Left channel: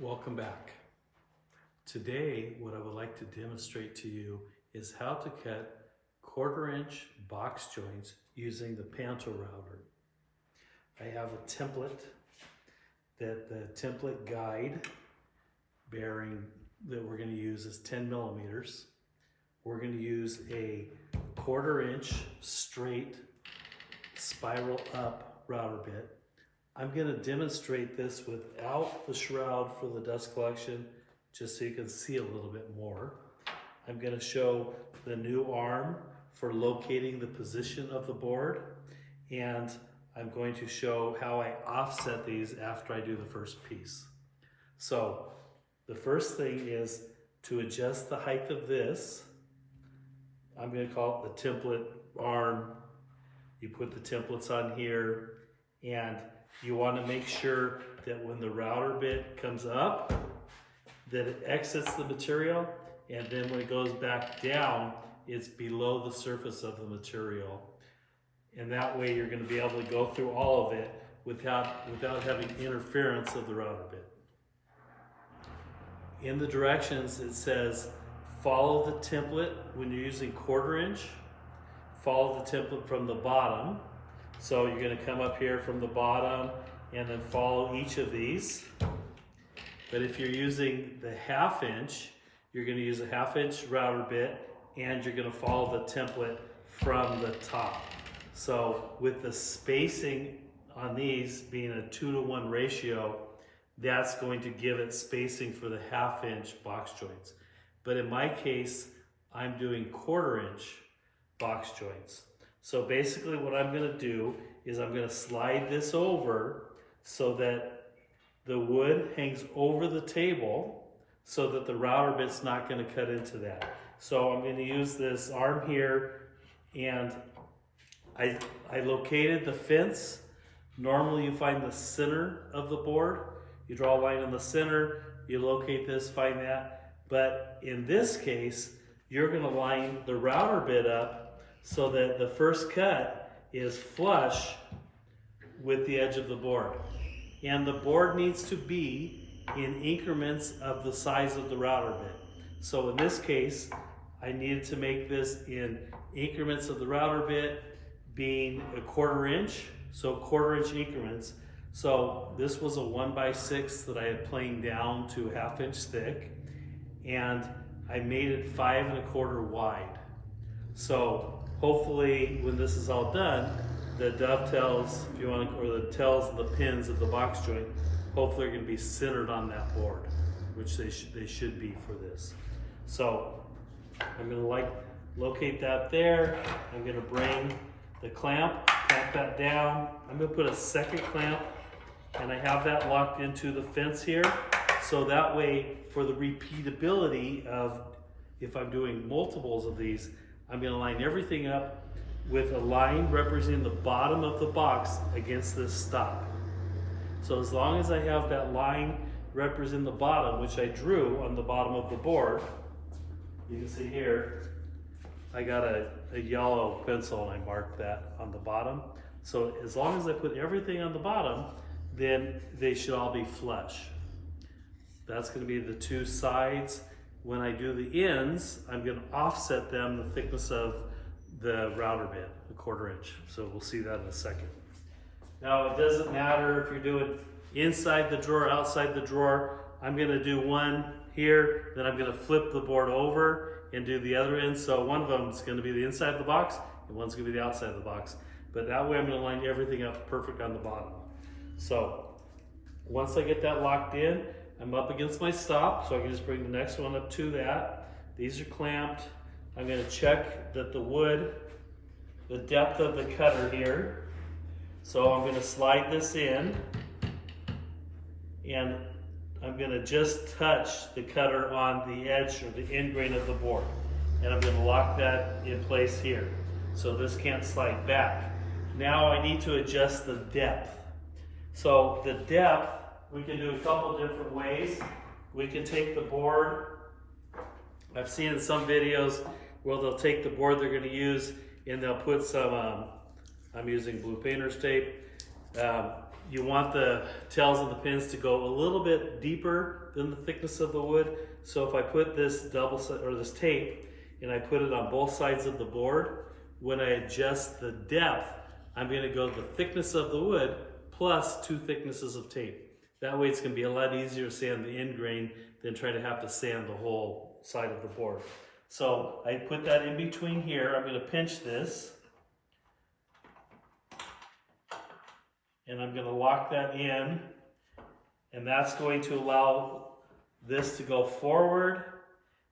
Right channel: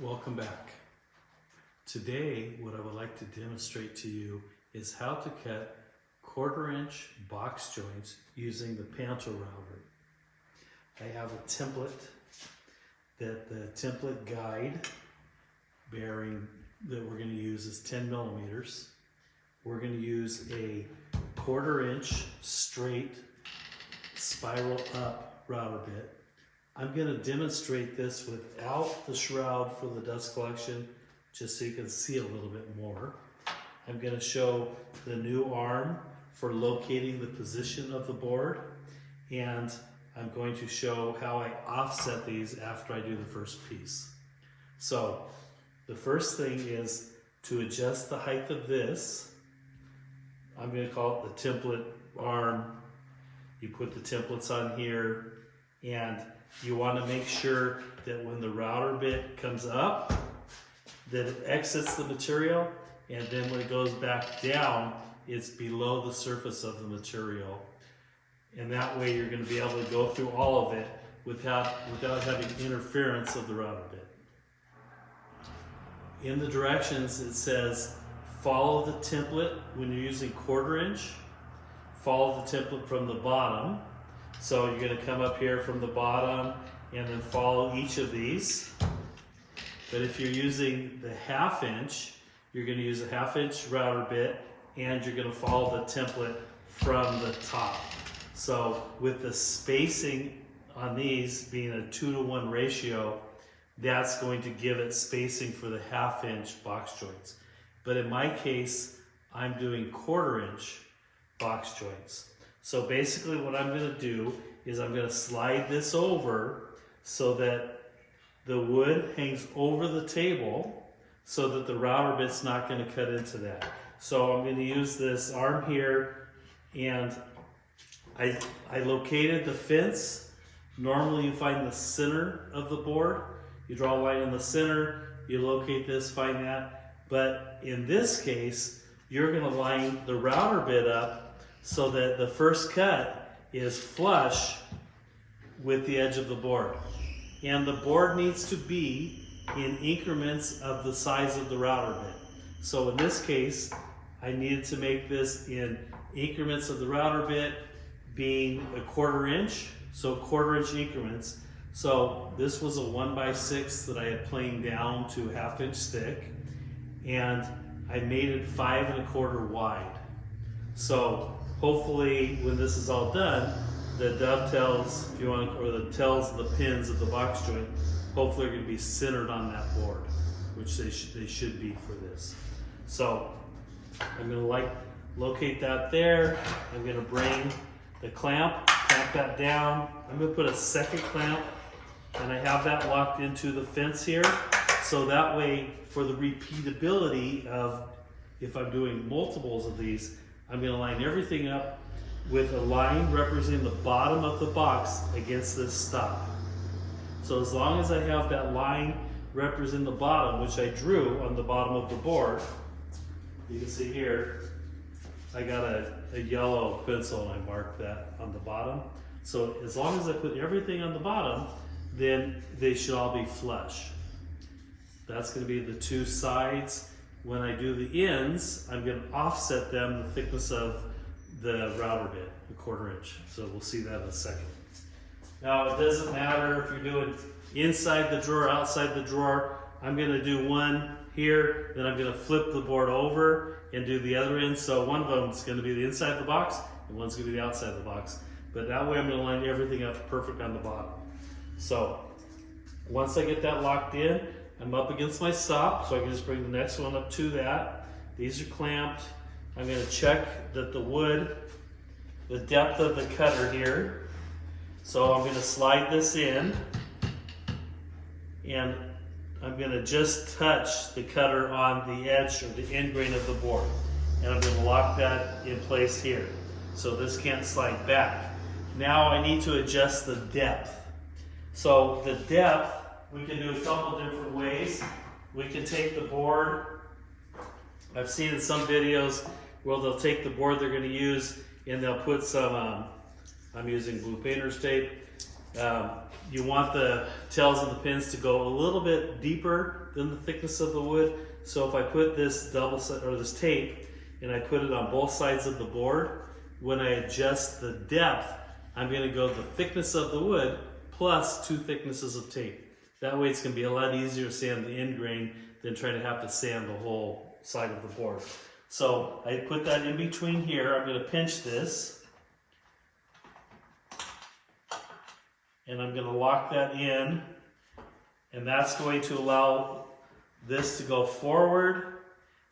Welcome back. Today, what I would like to demonstrate to you is how to cut 1/4 inch box joints using the Pantorouter. I have a template that the template guide bearing that we're going to use is 10 millimeters. We're going to use a 1/4 inch straight spiral up router bit. I'm going to demonstrate this without the shroud for the dust collection, just so you can see a little bit more. I'm going to show the new arm for locating the position of the board, and I'm going to show how I offset these after I do the first piece. So the first thing is to adjust the height of this. I'm going to call it the template arm. You put the templates on here, and you want to make sure that when the router bit comes up, that it exits the material, and then when it goes back down, it's below the surface of the material. And that way you're going to be able to go through all of it without having interference of the router bit. In the directions it says follow the template when you're using 1/4 inch. Follow the template from the bottom. So you're going to come up here from the bottom and then follow each of these. But if you're using the 1/2 inch, you're going to use a 1/2 inch router bit, and you're going to follow the template from the top. So with the spacing on these being a 2-to-1 ratio, that's going to give it spacing for the 1/2 inch box joints. But in my case, I'm doing 1/4 inch box joints. So basically what I'm going to do is I'm going to slide this over so that the wood hangs over the table so that the router bit's not going to cut into that. So I'm going to use this arm here, and I located the fence. Normally you find the center of the board. You draw a line in the center, you locate this, find that. But in this case, you're going to line the router bit up so that the first cut is flush with the edge of the board. And the board needs to be in increments of the size of the router bit. So in this case, I needed to make this in increments of the router bit being a 1/4 inch, so 1/4 inch increments. So this was a 1x6 that I had planed down to 1/2 inch thick, and I made it 5 1/4 wide. So hopefully when this is all done, the dovetails, if you want to, or the tails of the pins of the box joint, hopefully are going to be centered on that board, which they should be for this. So I'm going to locate that there. I'm going to bring the clamp that down. I'm going to put a second clamp, and I have that locked into the fence here. So that way, for the repeatability of if I'm doing multiples of these, I'm going to line everything up with a line representing the bottom of the box against this stop. So as long as I have that line representing the bottom, which I drew on the bottom of the board, you can see here, I got a yellow pencil and I marked that on the bottom. So as long as I put everything on the bottom, then they should all be flush. That's going to be the two sides. When I do the ends, I'm going to offset them the thickness of the router bit, a 1/4 inch. So we'll see that in a second. Now it doesn't matter if you're doing inside the drawer, outside the drawer. I'm going to do one here, then I'm going to flip the board over and do the other end. So one of them is going to be the inside of the box, and one's going to be the outside of the box. But that way I'm going to line everything up perfect on the bottom. So once I get that locked in, I'm up against my stop, so I can just bring the next one up to that. These are clamped. I'm going to check that the wood, the depth of the cutter here. So I'm going to slide this in, and I'm going to just touch the cutter on the edge or the end grain of the board. And I'm going to lock that in place here. So this can't slide back. Now I need to adjust the depth. So the depth, we can do a couple different ways. We can take the board. I've seen in some videos where they'll take the board they're going to use and they'll put some, I'm using blue painter's tape, You want the tails and the pins to go a little bit deeper than the thickness of the wood. So if I put this this tape and I put it on both sides of the board, when I adjust the depth, I'm going to go the thickness of the wood plus 2 thicknesses of tape. That way it's going to be a lot easier to sand the end grain than try to have to sand the whole side of the board. So I put that in between here. I'm going to pinch this. And I'm going to lock that in. And that's going to allow this to go forward.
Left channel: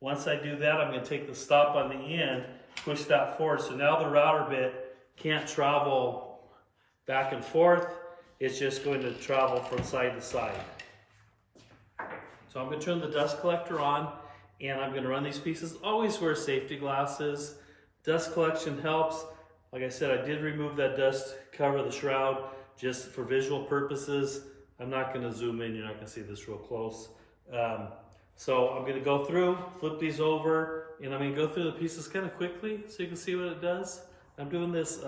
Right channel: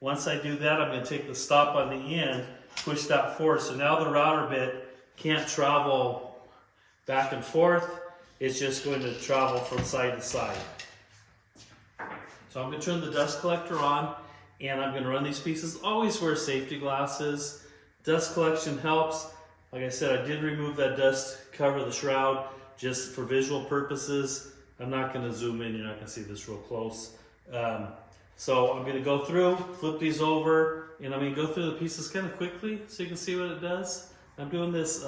Once I do that, I'm going to take the stop on the end, push that forward. So now the router bit can't travel back and forth. It's just going to travel from side to side. So I'm going to turn the dust collector on and I'm going to run these pieces. Always wear safety glasses. Dust collection helps. Like I said, I did remove that dust cover, the shroud, just for visual purposes. I'm not going to zoom in. You're not going to see this real close. So I'm going to go through, flip these over, and I'm going to go through the pieces kind of quickly so you can see what it does. I'm doing this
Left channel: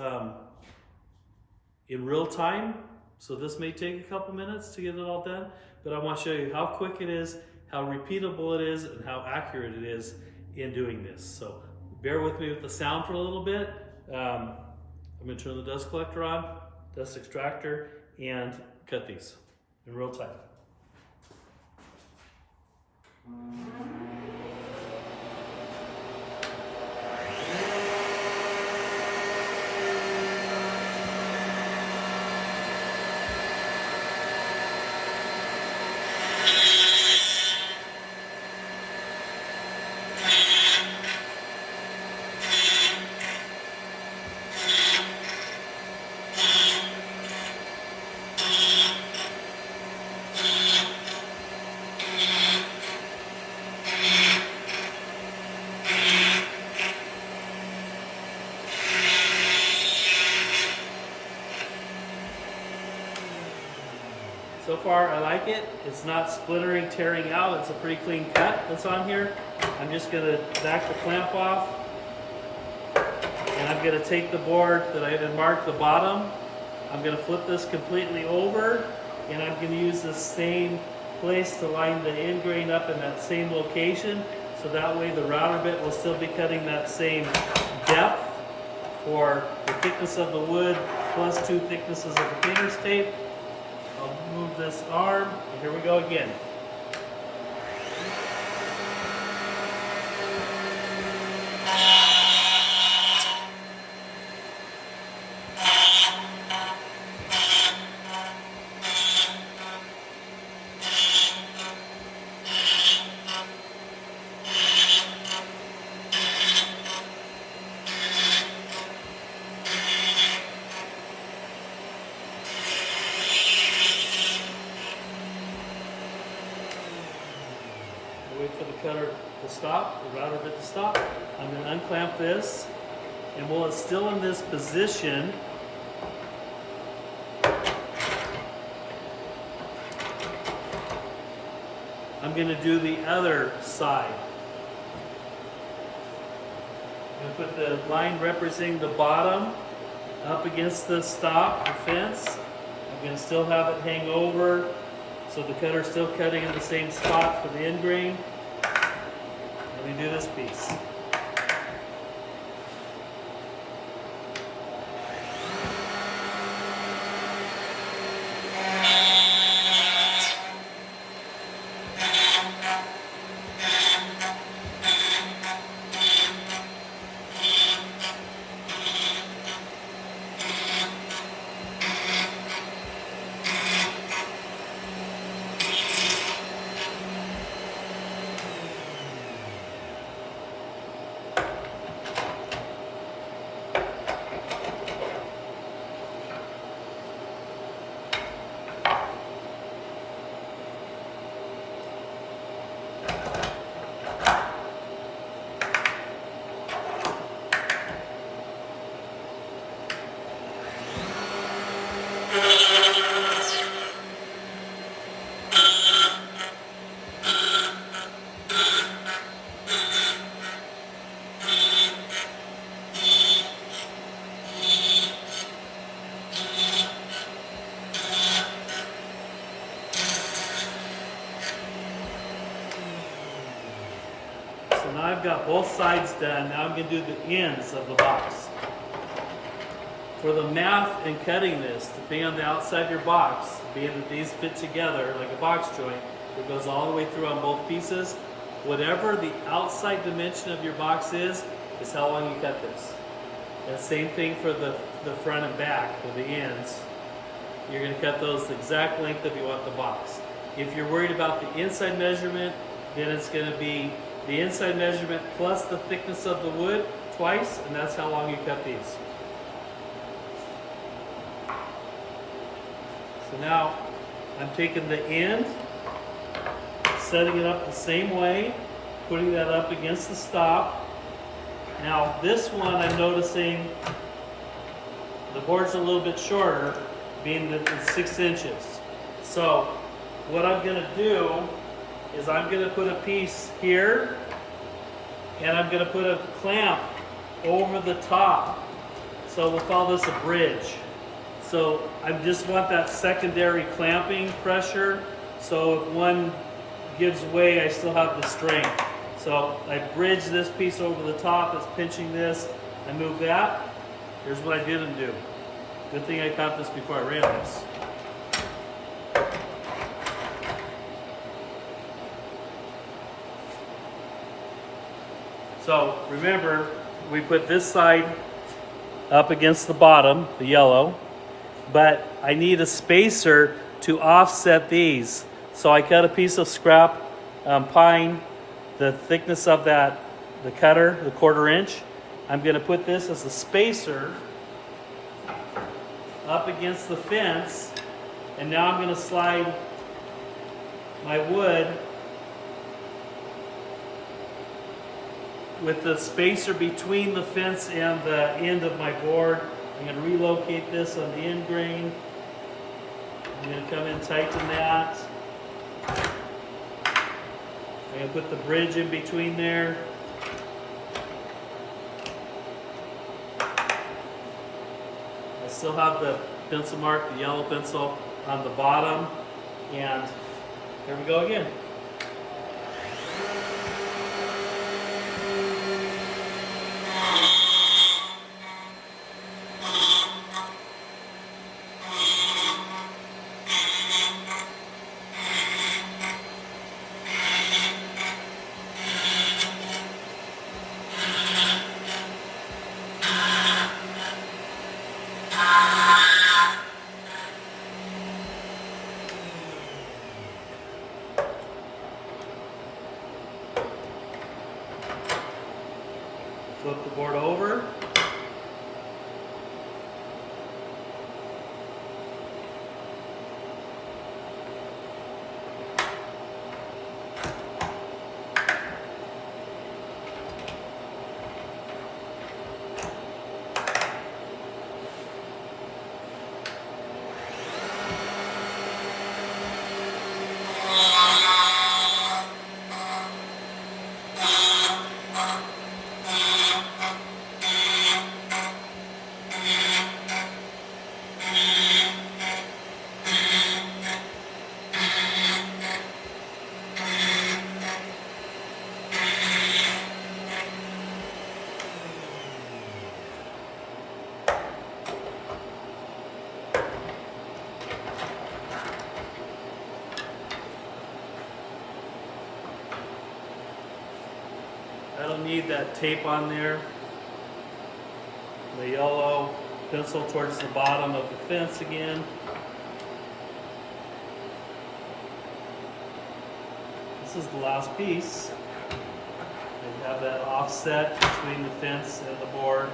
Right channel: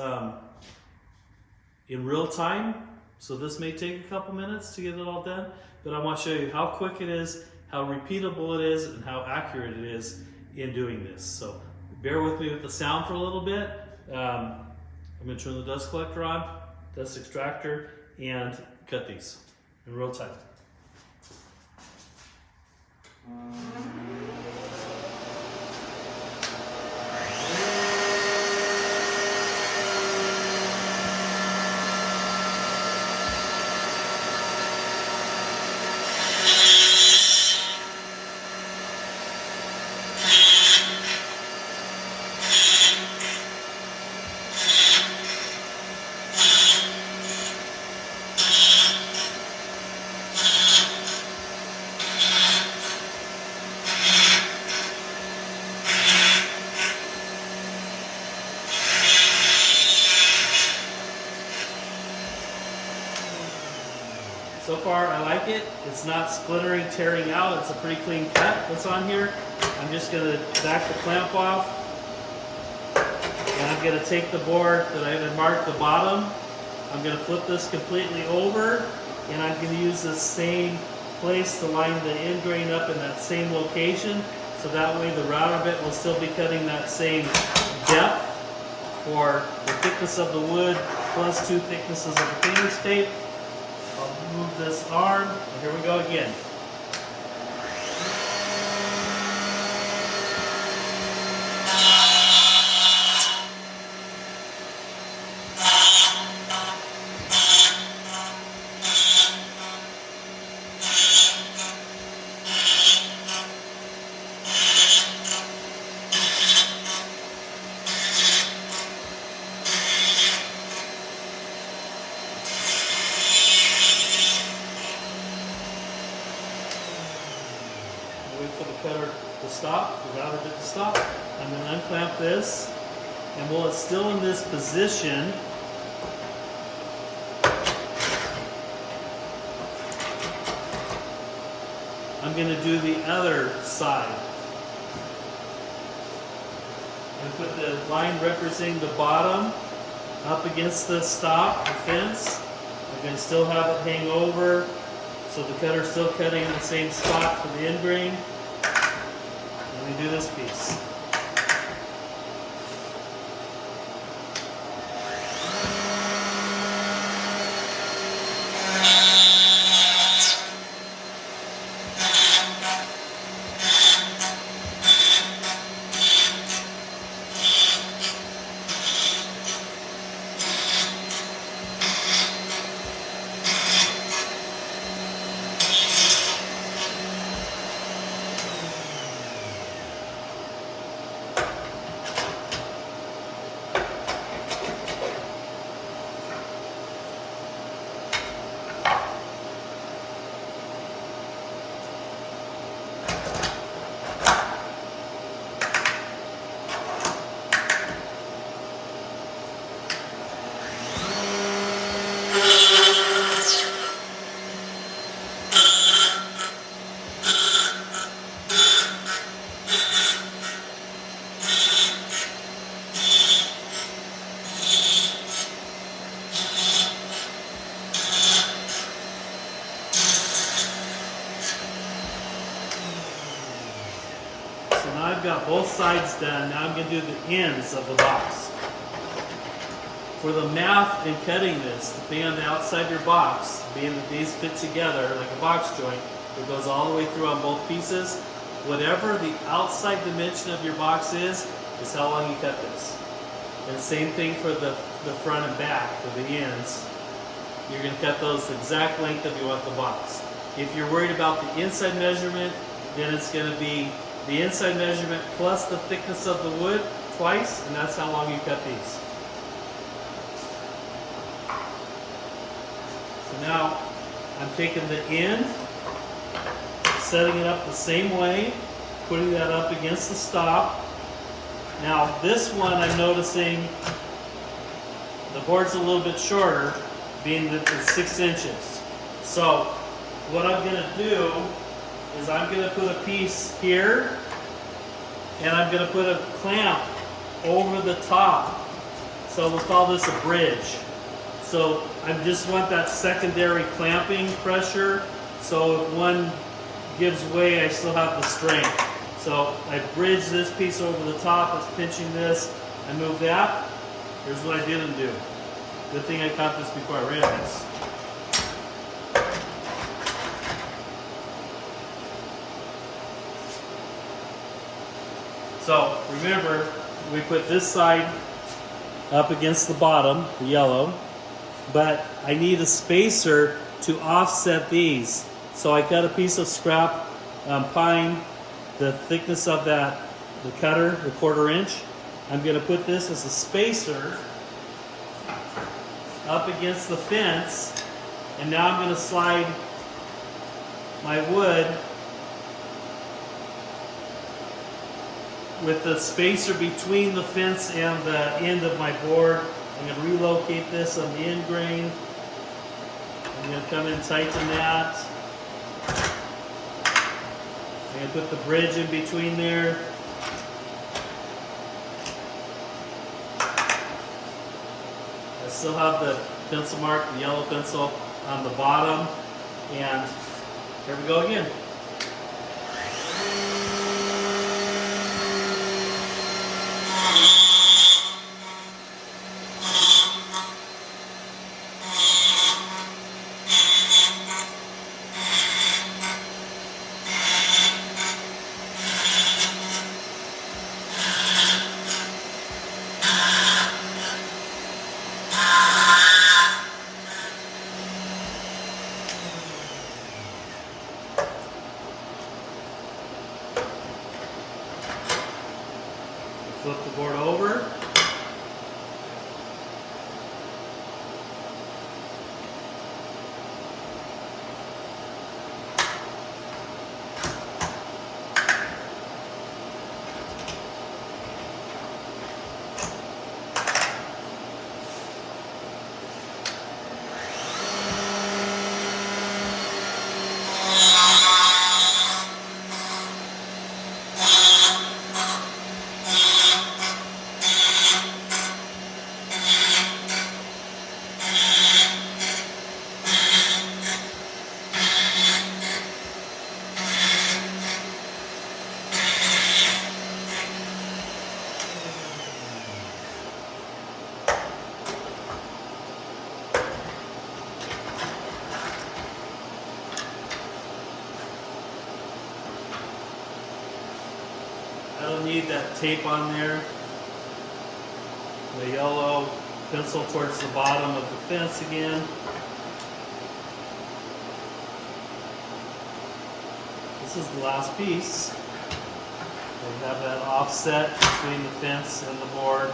in real time, so this may take a couple minutes to get it all done, but I want to show you how quick it is, how repeatable it is, and how accurate it is in doing this. So bear with me with the sound for a little bit. I'm going to turn the dust collector on, dust extractor, and cut these in real time. So far, I like it. It's not splintering, tearing out. It's a pretty clean cut that's on here. I'm just gonna back the clamp off. And I'm gonna take the board that I had marked the bottom. I'm gonna flip this completely over. And I'm gonna use the same place to line the end grain up in that same location. So that way the router bit will still be cutting that same depth for the thickness of the wood plus 2 thicknesses of the painter's tape. I'll move this arm, and here we go again. Wait for the cutter to stop, the router bit to stop. I'm going to unclamp this, and while it's still in this position, I'm going to do the other side. I'm going to put the line representing the bottom up against the stop, the fence. I'm going to still have it hang over, so the cutter's still cutting in the same spot for the end grain. Let me do this piece. now I've got both sides done. Now I'm going to do the ends of the box. For the math in cutting this, depending on the outside of your box, being that these fit together like a box joint, it goes all the way through on both pieces. Whatever the outside dimension of your box is how long you cut this. And same thing for the front and back, for the ends. You're going to cut those the exact length that you want the box. If you're worried about the inside measurement, then it's going to be the inside measurement plus the thickness of the wood twice, and that's how long you cut these. So now I'm taking the end, setting it up the same way, putting that up against the stop. Now this one I'm noticing the board's a little bit shorter, being that it's 6 inches. So what I'm going to do is I'm going to put a piece here, and I'm going to put a clamp over the top. So we'll call this a bridge. So I just want that secondary clamping pressure, so if one gives way, I still have the strength. So I bridge this piece over the top, it's pinching this, I move that. Here's what I didn't do. Good thing I caught this before I ran this. So remember, we put this side up against the bottom, the yellow, but I need a spacer to offset these. So I cut a piece of scrap pine, the thickness of that, the cutter, the 1/4 inch. I'm going to put this as a spacer up against the fence, and now I'm going to slide my wood with the spacer between the fence and the end of my board. I'm going to relocate this on the end grain. I'm going to come in, tighten that. I'm going to put the bridge in between there. I still have the pencil mark, the yellow pencil on the bottom. And here we go again. Flip the board over. I don't need that tape on there. The yellow pencil towards the bottom of the fence again. This is the last piece. They have that offset between the fence and the board.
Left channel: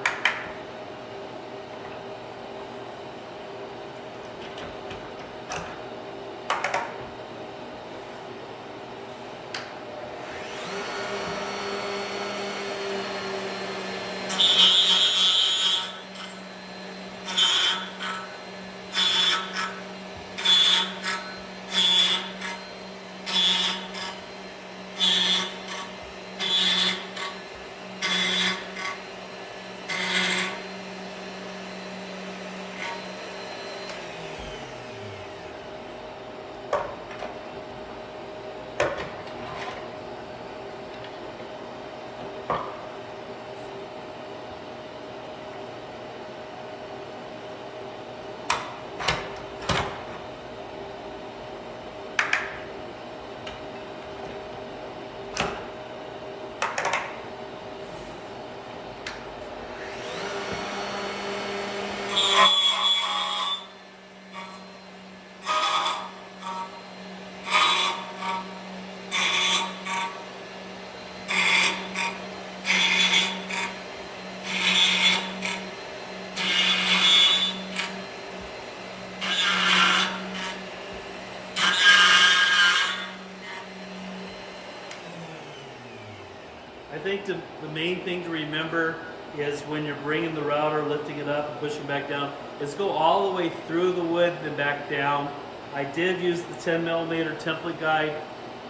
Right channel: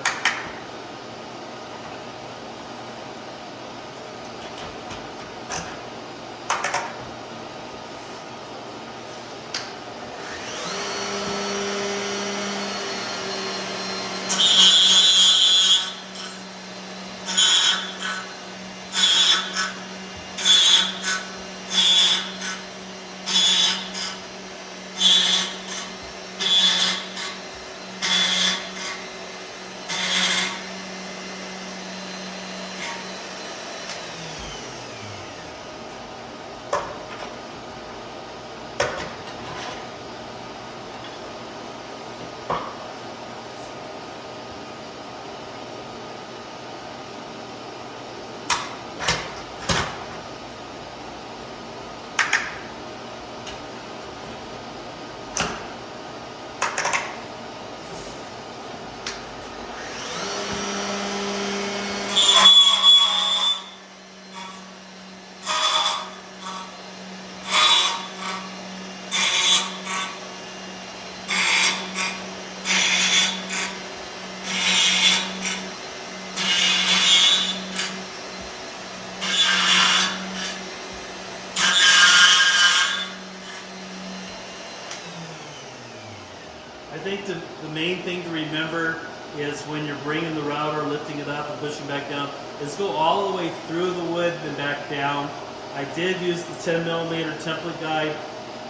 think the main thing to remember is when you're bringing the router, lifting it up and pushing back down, is go all the way through the wood and back down. I did use the 10mm template guide,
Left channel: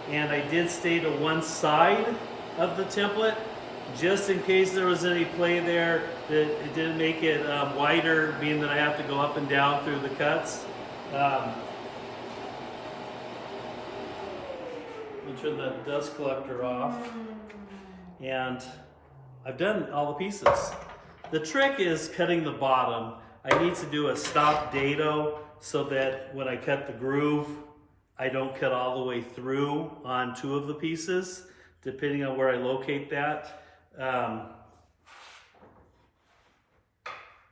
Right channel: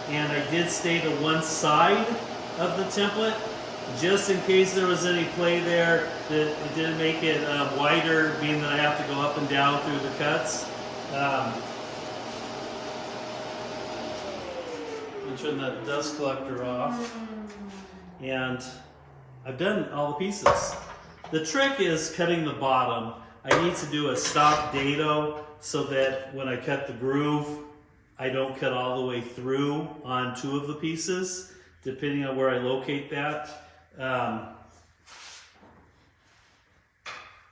and I did stay to one side of the template just in case there was any play there that it didn't make it wider, being that I have to go up and down through the cuts. We'll turn that dust collector off, and I've done all the pieces. The trick is cutting the bottom. I need to do a stop dado so that when I cut the groove, I don't cut all the way through on two of the pieces, depending on where I locate that.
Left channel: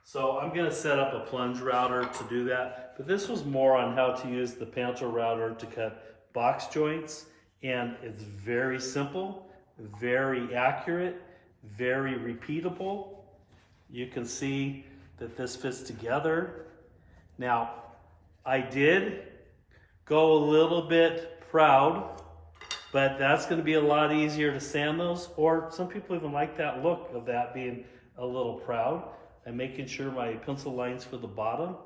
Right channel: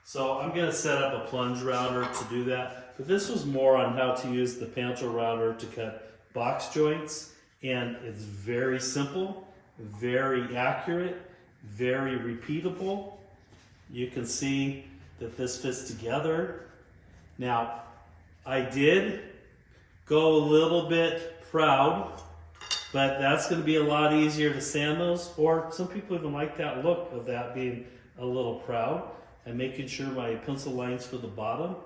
So I'm going to set up a plunge router to do that, but this was more on how to use the Pantorouter to cut box joints, and it's very simple, very accurate, very repeatable. You can see that this fits together. Now, I did go a little bit proud, but that's going to be a lot easier to sand those, or some people even like that look of that being a little proud. I'm making sure my pencil lines for the bottom.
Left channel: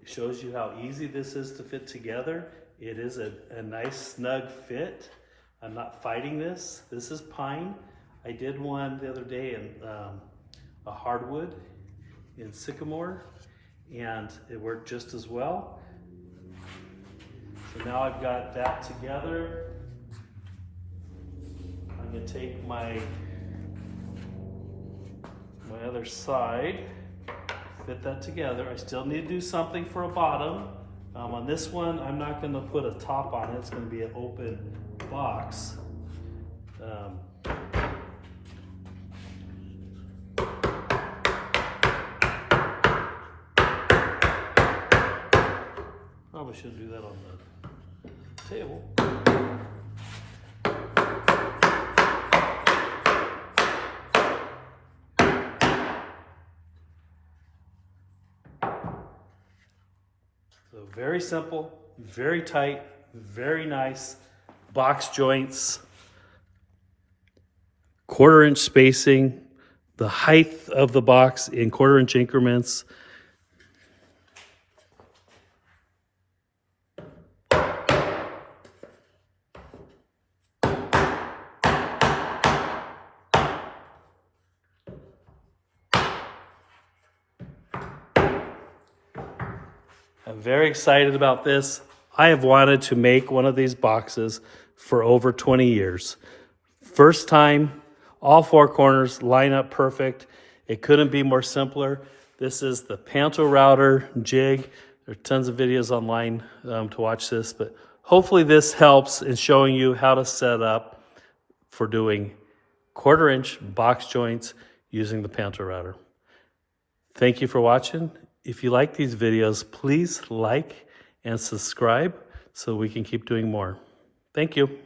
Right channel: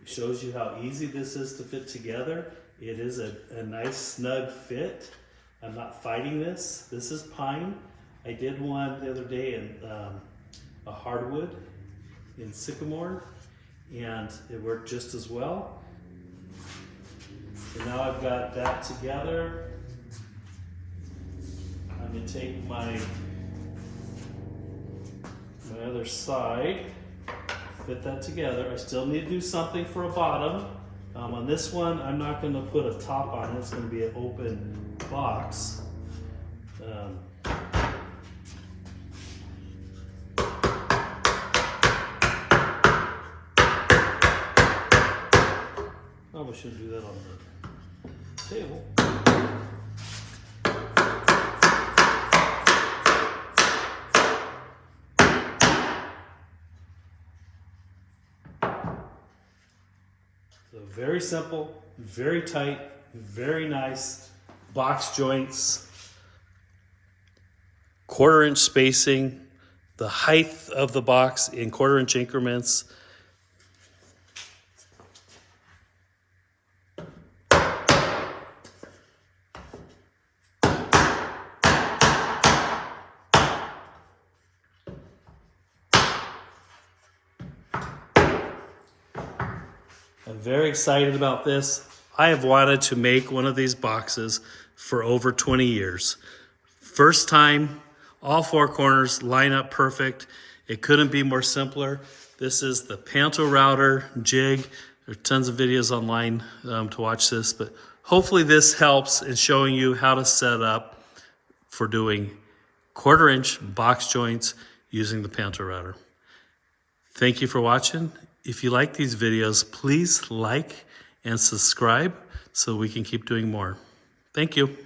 It shows you how easy this is to fit together. It is a nice snug fit. I'm not fighting this. This is pine. I did one the other day in a hardwood in sycamore, and it worked just as well. So now I've got that together. I'm going to take my other side, fit that together. I still need to do something for a bottom. On this one, I'm not going to put a top on it. It's going to be an open box. Probably shouldn't do that on the table. So very simple, very tight, very nice box joints, 1/4-inch spacing, the height of the box in 1/4-inch increments. I'm very excited about this. I have wanted to make one of these boxes for over 20 years. First time, all 4 corners line up perfect. It couldn't be more simpler. This is the Pantorouter jig. There are tons of videos online to watch this, but hopefully this helps in showing you how to set up for doing 1/4-inch box joints using the Pantorouter. Thank you for watching. If you like these videos, please like and subscribe so we can keep doing more. Thank you.